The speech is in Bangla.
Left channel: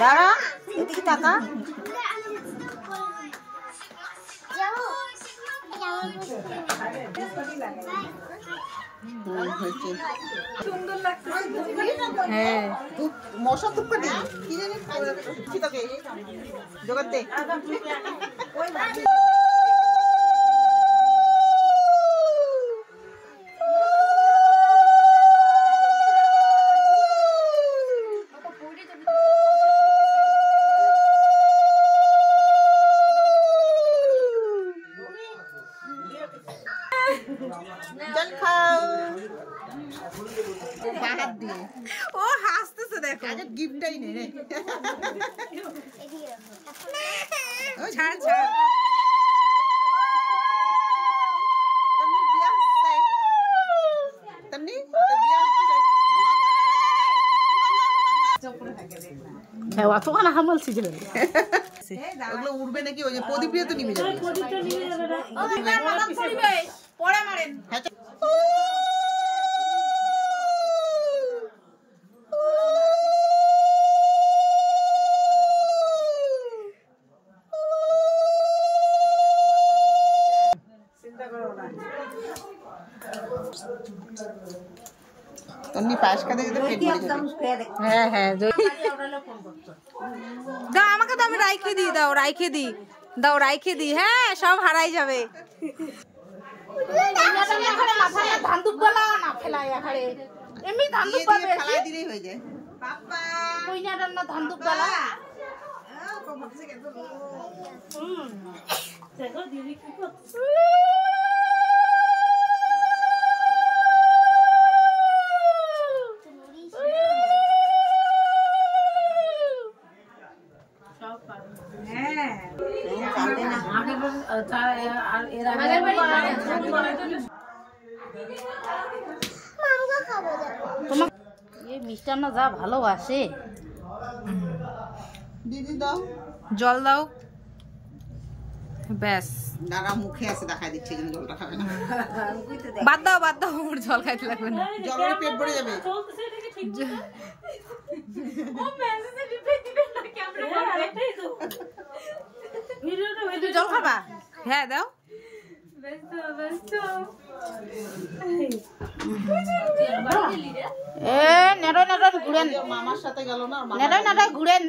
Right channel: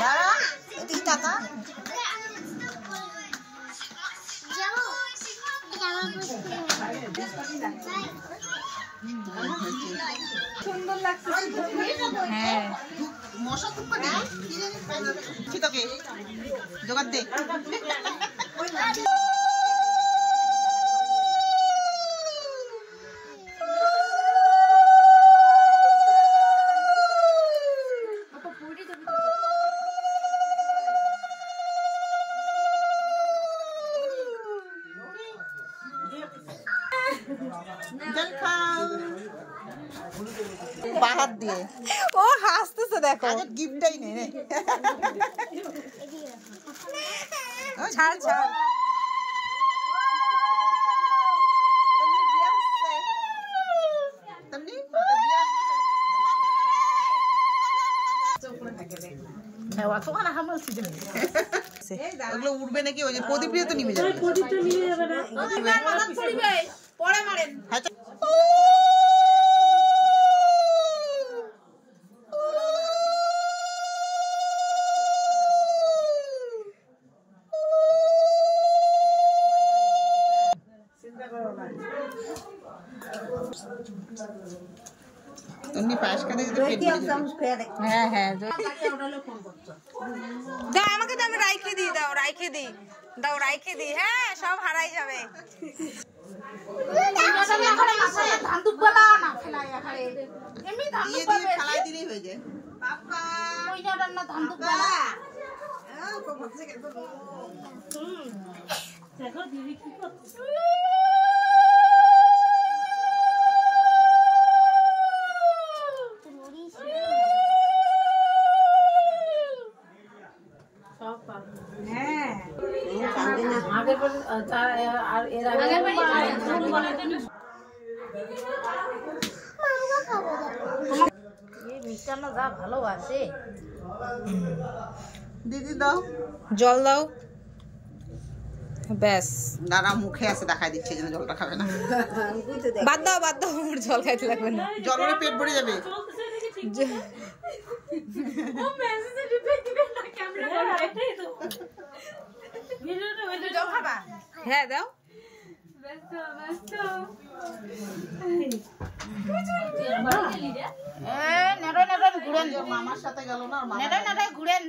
দাঁড়া এদিকে টাকা সুন্দর লাগছে। হ্যাঁ মশা ধূপ কাটি কি তোকে জোগাড় দে। বাহাত দিয়ে ও হাসতেছে দেখো আজ গিফটটাই নেই রে ছাড় ছাড় তুমি বিয়া আসছে তুমি তো বিয়া আসছে চোপড়ে থাকে দেখ না হ্যাঁ অত কোন হামলছি যে ওগুলো উড়বে নাকি ওই যে প্রদীপ দিয়ে তো নিভে যাবে প্রদীপটা নিভে যাবে না মাথায় পড়বে পরে মারেন হ্যাঁ তুমি পাশ কাটে দিতে পেট ভরে যাবে হ্যাঁ হ্যাঁ দাও আমাকে তো আমি রাইখে দিই দাও রাইখে দিই দাও রাইখে দিই হ্যাঁ সব হারাই যাবে ধান দুপলা না ফেলাই আখারে এমনি ধান দুপলা ফেলাই দিলেই হয়ে যায় বাবা কই না রান্না ধান দুপলা তো ভাবছে কেন দেখো দিদি কি করছে মিষ্টান্ন যা ভালোবাসে দিদি দাও জল দাও ব্যাস দাঁড়া মুখে আছে দেখাই দিচ্ছে যেন জলটা খাবে না বাদ দাও জল খাইতে লাগবে না জল হলে পেট ভরে যাবে জল খাবা হ্যাঁ দাও মামার সাথে গেল না ঘুরেন